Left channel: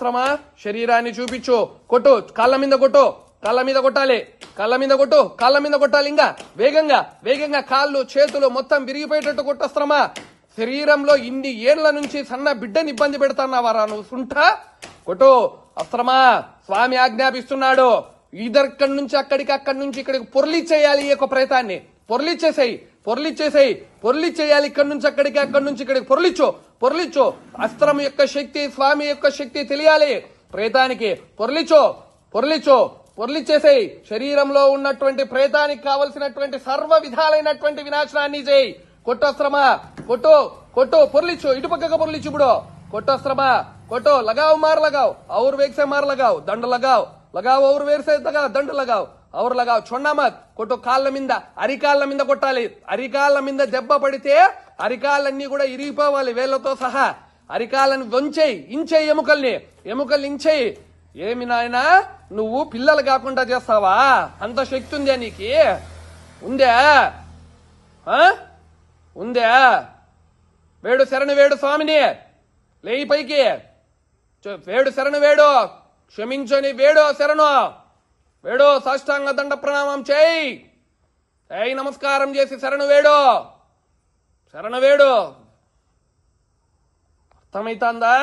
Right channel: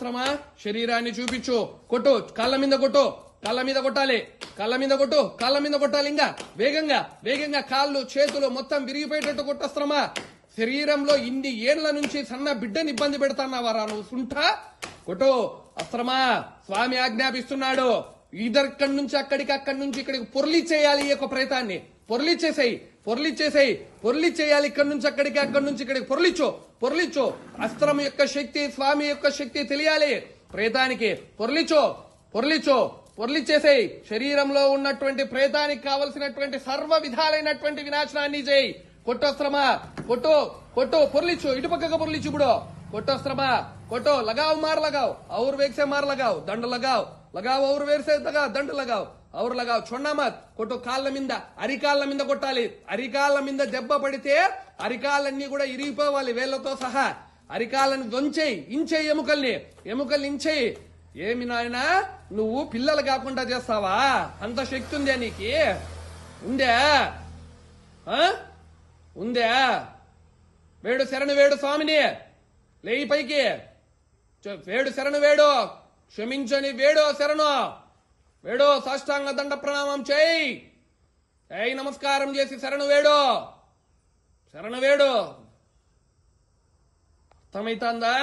శ్రమ శరీరాన్ని చూపించు, కొట్టు, కాళ్ళ మీద కొట్టు, కాళ్ళ మీద కొట్టాలి, కాళ్ళ మీద కొట్టు, కాళ్ళ మీద కొట్టాలి. ఇంకా వేగంగా వేగంగా కాళ్ళు చేతులు మొత్తం విరిగిపోయేటట్టు కొట్టొస్తామ. శరీరంలో ఇన్ని ఏళ్ల నుంచి సన్న బిడ్డని ఇబ్బంది పెడతాన్నావారా నువ్వు? సుంఠ కొట్టు అస్త్రమా. స్వామి ఆజ్ఞాపిస్తున్నాడు, ఇదక్కడి నుంచి అక్కడికి, అక్కడి నుంచి ఇక్కడికి పొర్లిచ్చేయాలి. ఈ యొక్క ప్రేతాన్ని పొర్లిచ్చేసేయి, పొర్లిచ్చేసేయి, పొర్లిచ్చేయాలి. ఇక్కడి నుంచి అక్కడికి, అక్కడి నుంచి ఇక్కడికి పొర్లిచ్చు, పొర్లిచ్చు. అస్త్రం యొక్క శక్తి, స్వామి యొక్క శక్తి తెలియాలి ప్రేతానికి. పొర్లిచ్చు, పొర్లిచ్చు, పొర్లిచ్చేసేయి. శరీరంలో ఉన్నటువంటి ప్రేతానికి కావలసినటువంటి సర్వ విధాలైనటువంటి వినాశనాన్ని చేయి. కొట్టొస్త్రమా, కొట్టు, కొట్టు, పొర్లిచ్చు, ఇటు పక్కగా పొర్లిచ్చు. ఇప్పుడు కొట్టొస్త్రమా, కొట్టు, लगाओ मार लगाओ, और वेग से मार लगाओ, दंड लगाओ, लगाओ और वेग से दंड लगाओ, और लगाओ, छोड़ना मत. కొట్టు కాళ్ళ మీద, అరికాళ్ళ మీద కొట్టాలి. అరికాళ్ళ మీద దెబ్బ పడితే అరికాళ్ళన్నీ కూడా ఇరిగిపోవాలి వేళ్లతో సహా. అరికాళ్ళని వంచేయి, ఇంచేయి, ఎముకల్ని, ఎముకల్ని ఇంచేయి. ఏమి నాయనా నువ్వు పిల్లలు కాకుండా చేస్తావా? అంత శక్తి ఉందా నీకు? ఉందా? ఉందా? వేడు శరణు వేడు స్వామిని, లేయి పైకి వేడు శరణు వేడు, క్షమించని వేడు శరణు వేడు, సాష్టాంగ దండ ప్రణామం చేయి, నమస్కారం చేసి శరణు వేడు, శరణు వేడు. అర్థమైతుందా?